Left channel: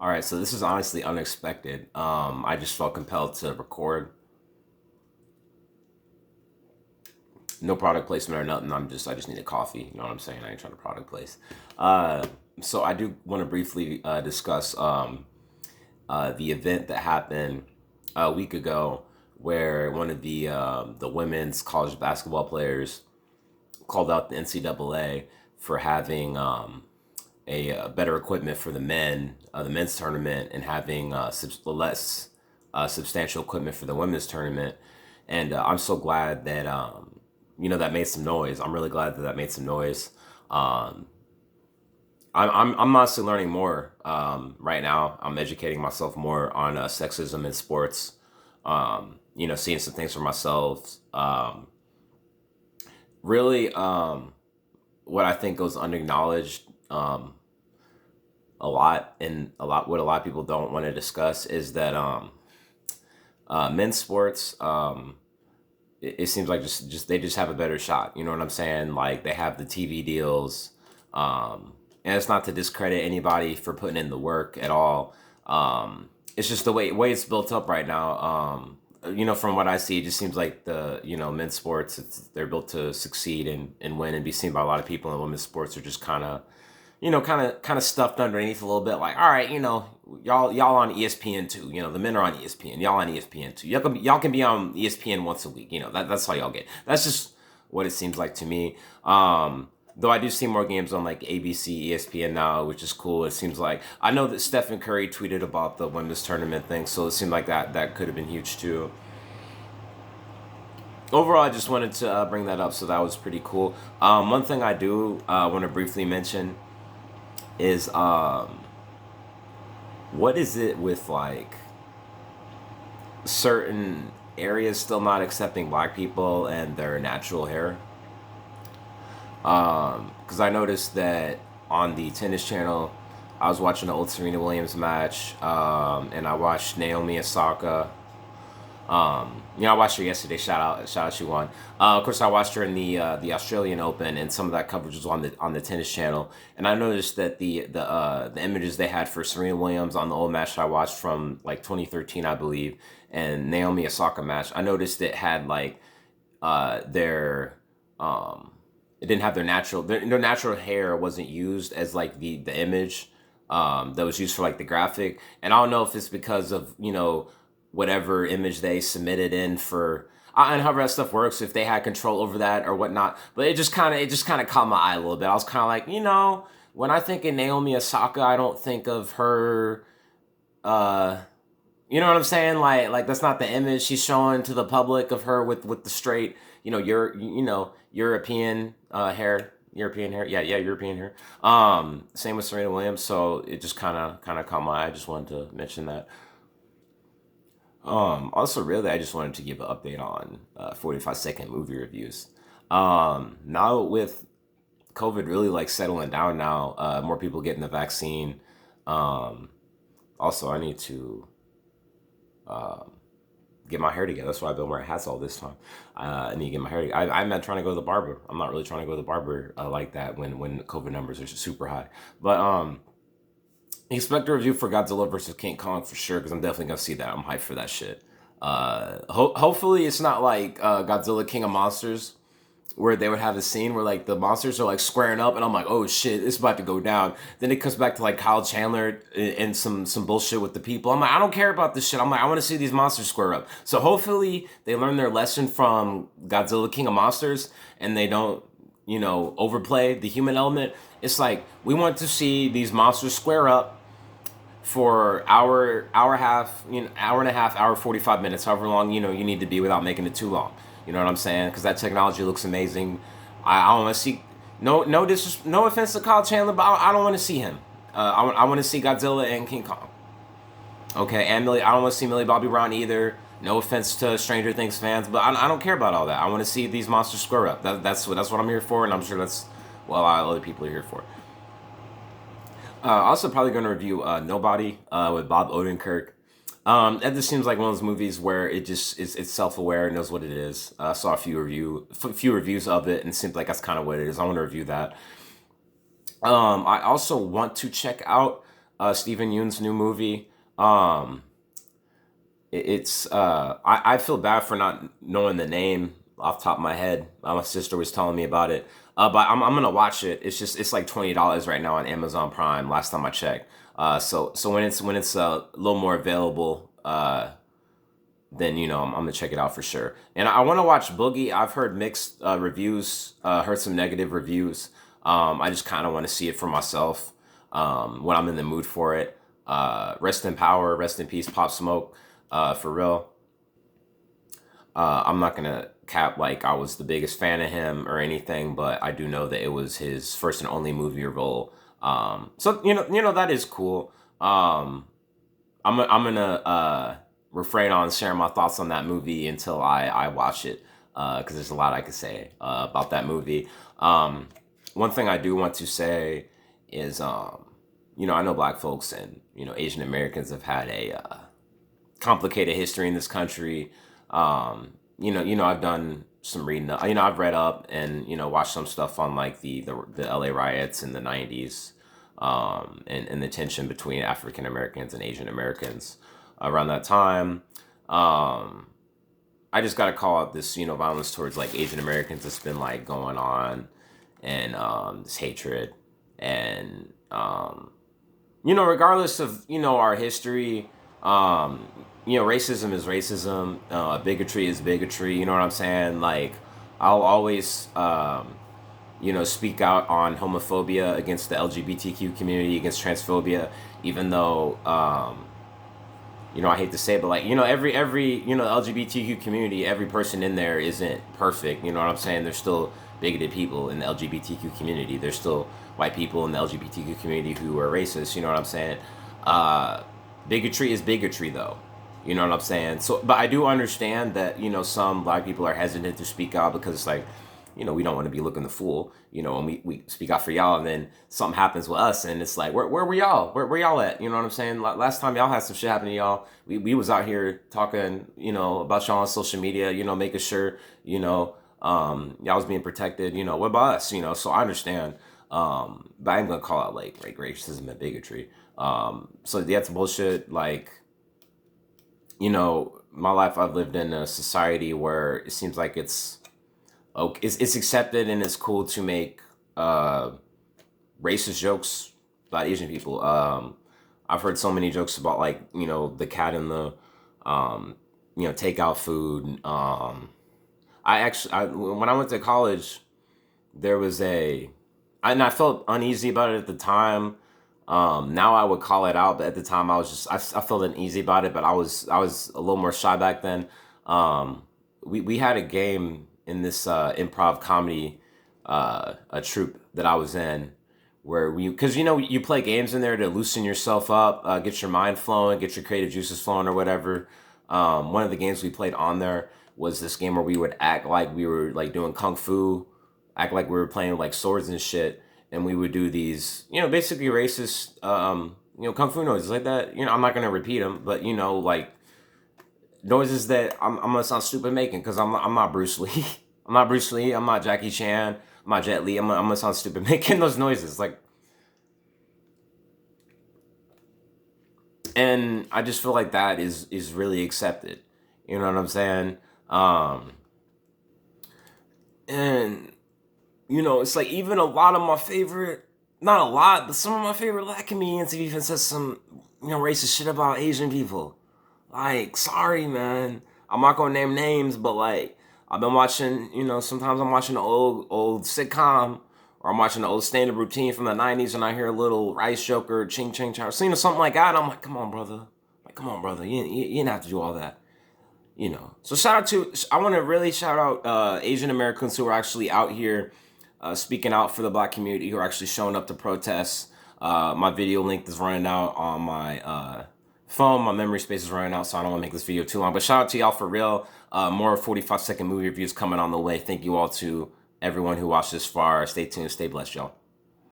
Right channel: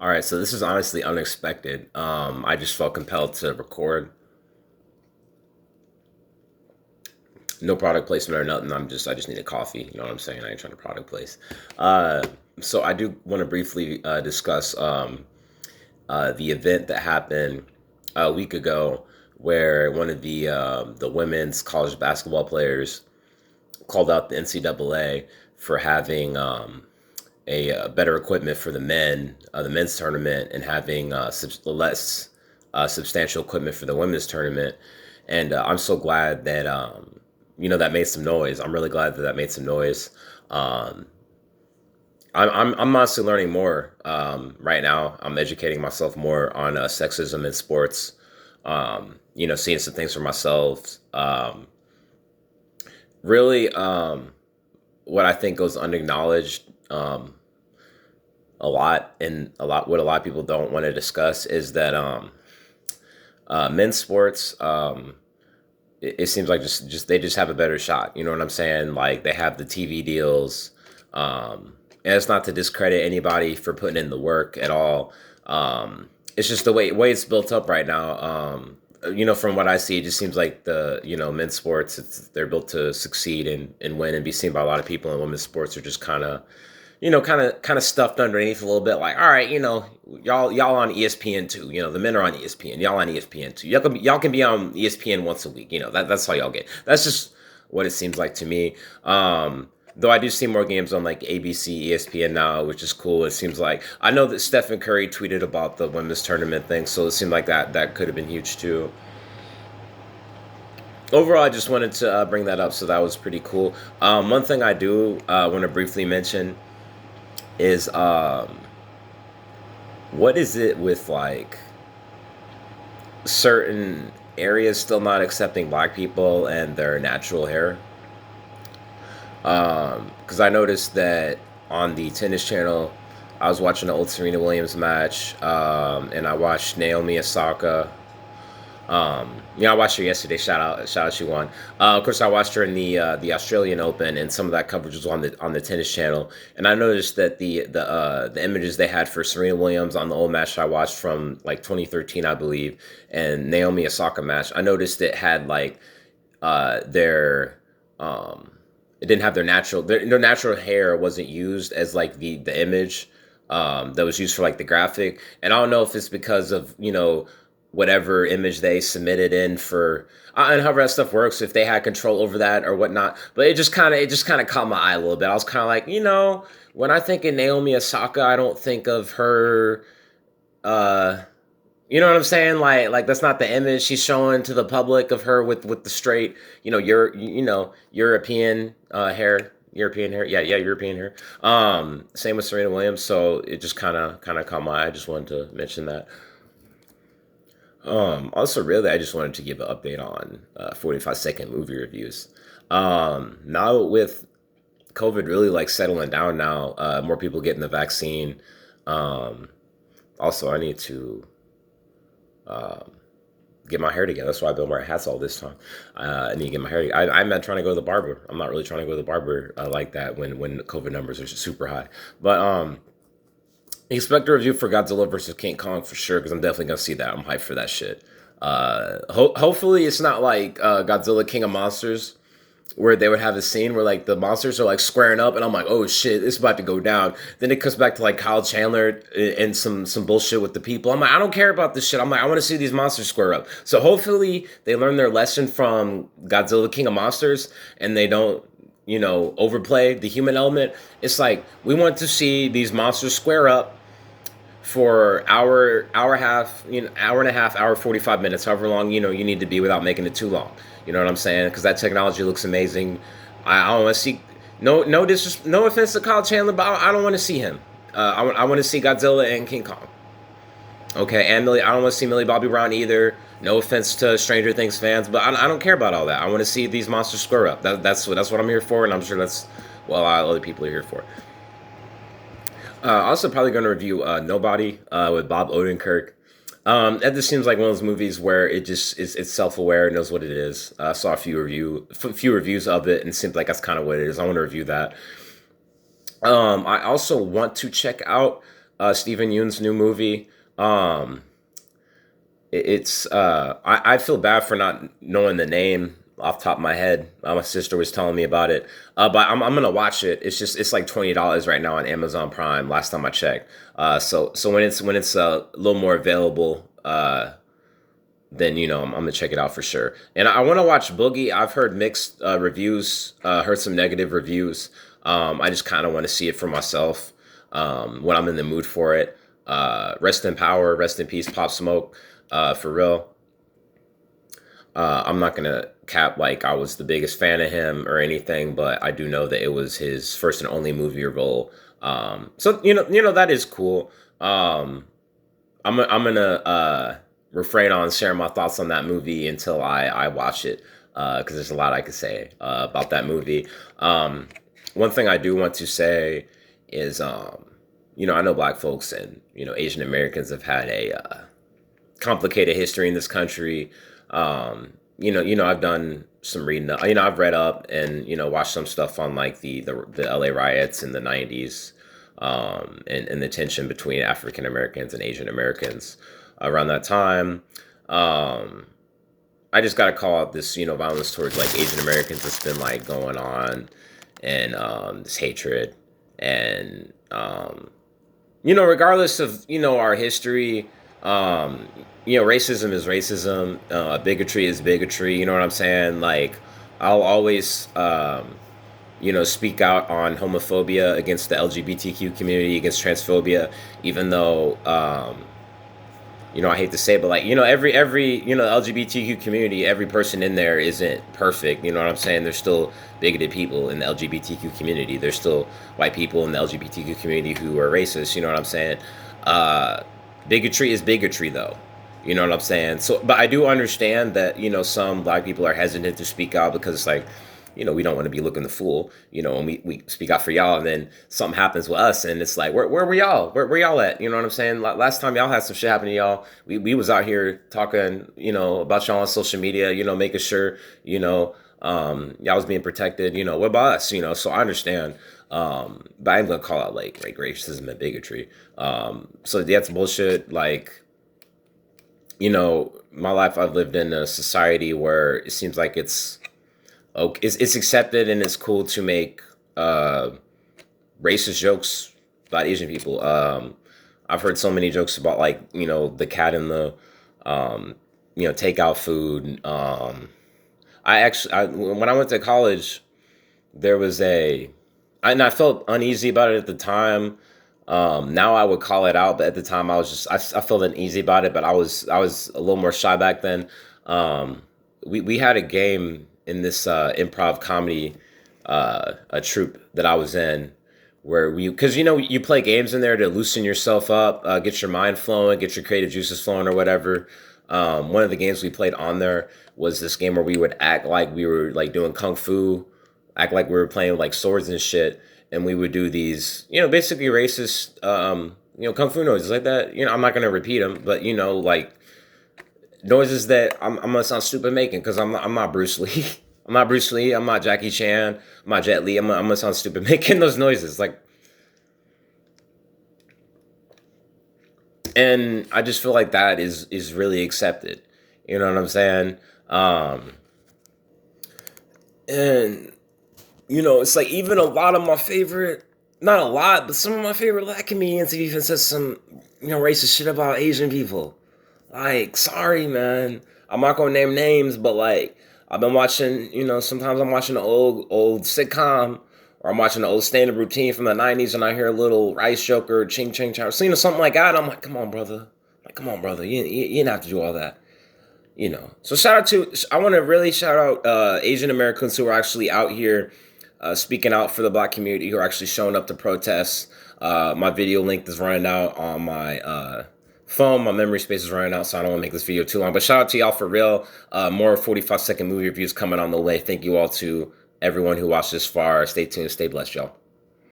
All right, so this is honestly unexpected. I just felt compelled to record. No product placement or nothing. I just need a coffee. You know what I'm saying? I ain't trying to product place. Uh, so I do want to briefly discuss the event that happened a week ago, where one of the women's college basketball players called out the NCAA for having better equipment for the men's tournament, and having less substantial equipment for the women's tournament. And I'm so glad that that made some noise. I'm really glad that that made some noise. Um, I'm honestly learning more right now. I'm educating myself more on sexism in sports. Seeing some things for myself. Really, what I think goes unacknowledged a lot, and what a lot of people don't want to discuss is that men's sports, it seems like just they just have a better shot. You know what I'm saying? Like, they have the TV deals, and it's not to discredit anybody for putting in the work at all. It's just the way it's built up right now. From what I see, it just seems like men's sports, they're built to succeed and win and be seen by a lot of people, and women's sports are just kind of stuffed underneath a little bit. Like, all right, y'all on ESPN too. The men are on ESPN. Y'all on ESPN too. Y'all can be on ESPN once a week. That's all y'all get. That's just what it seems like to me. Though I do see more games on like ABC, ESPN now, which is cool. It seems like I know that Stephen Curry tweeted about the women's tournament thing, so it seemed like that could have been huge too. Overall, I just wanted to bring that up, so that was pretty cool. One thing I do want to briefly mention is what is it with like certain areas still not accepting black people and their natural hair? Because I noticed that on the tennis channel, I was watching the old Serena Williams match, and I watched Naomi Osaka. I watched her yesterday. Shout out, she won. Of course, I watched her in the Australian Open, and some of that coverage was on the tennis channel. And I noticed that the images they had for Serena Williams on the old match I watched from like 2013, I believe, and Naomi Osaka match, I noticed it had like their it didn't have their natural hair wasn't used as like the image that was used for like the graphic. And I don't know if it's because of whatever image they submitted in for, and however that stuff works, if they had control over that or whatnot. But it just kind of caught my eye a little bit. I was kind of like, when I think of Naomi Osaka, I don't think of her. uh you know what I'm saying? Like that's not the image she's showing to the public of her with the straight, European hair. European hair, yeah, European hair. Same with Serena Williams. So it just kind of caught my eye. I just wanted to mention that. Also, really, I just wanted to give an update on 45-second movie reviews. Now with COVID really like settling down now, more people getting the vaccine. Um, Also, I need to um, get my hair together. That's why I built my hats all this time. I need to get my hair together. I'm not trying to go to the barber. I'm not really trying to go to the barber like that when COVID numbers are super high. But expect a review for Godzilla versus King Kong for sure, because I'm definitely gonna see that. I'm hyped for that shit. Hopefully it's not like Godzilla King of Monsters, where they would have a scene where like the monsters are like squaring up, and I'm like, oh shit, it's about to go down. Then it comes back to like Kyle Chandler and some bullshit with the people. I'm like, I don't care about this shit. I'm like, I want to see these monsters square up. So hopefully they learn their lesson from Godzilla King of Monsters, and they don't overplay the human element. It's like we want to see these monsters square up for hour half, hour and a half, hour 45 minutes, however long you need to be without making it too long. You know what I'm saying? Because that technology looks amazing. I don't want to see, no offense to Kyle Chandler, but I don't want to see him. I want to see Godzilla and King Kong. Okay, and I don't want to see Millie Bobby Brown either. No offense to Stranger Things fans, but I don't care about all that. I want to see these monsters square up. That's what I'm here for, and I'm sure that's what a lot of other people are here for. Also, probably going to review Nobody with Bob Odenkirk. And this seems like one of those movies where it's self aware, knows what it is. I saw a few reviews of it, and it seems like that's kind of what it is. I want to review that. I also want to check out Stephen Yeun's new movie. Um, I feel bad for not knowing the name off the top of my head. My sister was telling me about it, but I'm gonna watch it. It's like $20 right now on Amazon Prime. Last time I checked. So when it's a little more available, then I'm gonna check it out for sure. And I want to watch Boogie. I've heard mixed reviews, heard some negative reviews. I just kind of want to see it for myself when I'm in the mood for it. Rest in power, rest in peace, Pop Smoke. For real, I'm not gonna cap like I was the biggest fan of him or anything, but I do know that it was his first and only movie role. So that is cool. I'm gonna refrain on sharing my thoughts on that movie until I watch it because there's a lot I could say about that movie. One thing I do want to say is I know black folks and Asian Americans have had a complicated history in this country. I've done some reading. I've read up and watched some stuff on like the LA riots in the '90s, and the tension between African Americans and Asian Americans around that time. Um, I just got to call out this violence towards like Asian Americans that's been like going on, and this hatred, and regardless of our history, racism is racism. Bigotry is bigotry. You know what I'm saying? Like, I'll always, speak out on homophobia against the LGBTQ community, against transphobia, even though, I hate to say it, but like, every LGBTQ community, every person in there isn't perfect. You know what I'm saying? There's still bigoted people in the LGBTQ community. There's still white people in the LGBTQ community who are racist. You know what I'm saying? Uh, Bigotry is bigotry, though. You know what I'm saying? So, but I do understand that some black people are hesitant to speak out because it's like, we don't want to be looking the fool, and we speak out for y'all, and then something happens with us, and it's like, where were y'all? Where y'all at? You know what I'm saying? Last time y'all had some shit happen to y'all, we was out here talking, about y'all on social media, making sure, y'all was being protected. What about us? So I understand. But I'm gonna call out like racism and bigotry. So that's bullshit. Like, my life I've lived in a society where it seems like it's okay, it's accepted and it's cool to make racist jokes about Asian people. I've heard so many jokes about like the cat in the takeout food. When I went to college, there was and I felt uneasy about it at the time. Now I would call it out, but at the time I felt uneasy about it. But I was a little more shy back then. We had a game in this improv comedy a troupe that I was in where because you play games in there to loosen yourself up, get your mind flowing, get your creative juices flowing or whatever. One of the games we played on there was this game where we would act like we were like doing kung fu, act like we were playing with like swords and shit, and we would do these basically racist kung fu noises like that. I'm not gonna repeat them, but like noises that I'm gonna sound stupid making because I'm not Bruce Lee. I'm not Bruce Lee. I'm not Jackie Chan. I'm not Jet Li. I'm gonna sound stupid making those noises. Like, and I just feel like that is really accepted. You know what I'm saying? And it's like even a lot of my favorite, not a lot, but some of my favorite black comedians have even said some racist shit about Asian people. Like, sorry, man. I'm not gonna name names, but like, I've been watching. Sometimes I'm watching an old sitcom, or I'm watching an old stand-up routine from the '90s, and I hear a little rice joker, ching ching ching, something like that. I'm like, come on, brother. Like, come on, brother. You didn't have to do all that. So I want to really shout out Asian Americans who are actually out here speaking out for the black community, who are actually showing up to protest. My video link is running out on my phone. My memory space is running out, so I don't want to make this video too long. But shout out to y'all for real. More 45-second movie reviews coming on the way. Thank you all to everyone who watched this far. Stay tuned. Stay blessed, y'all.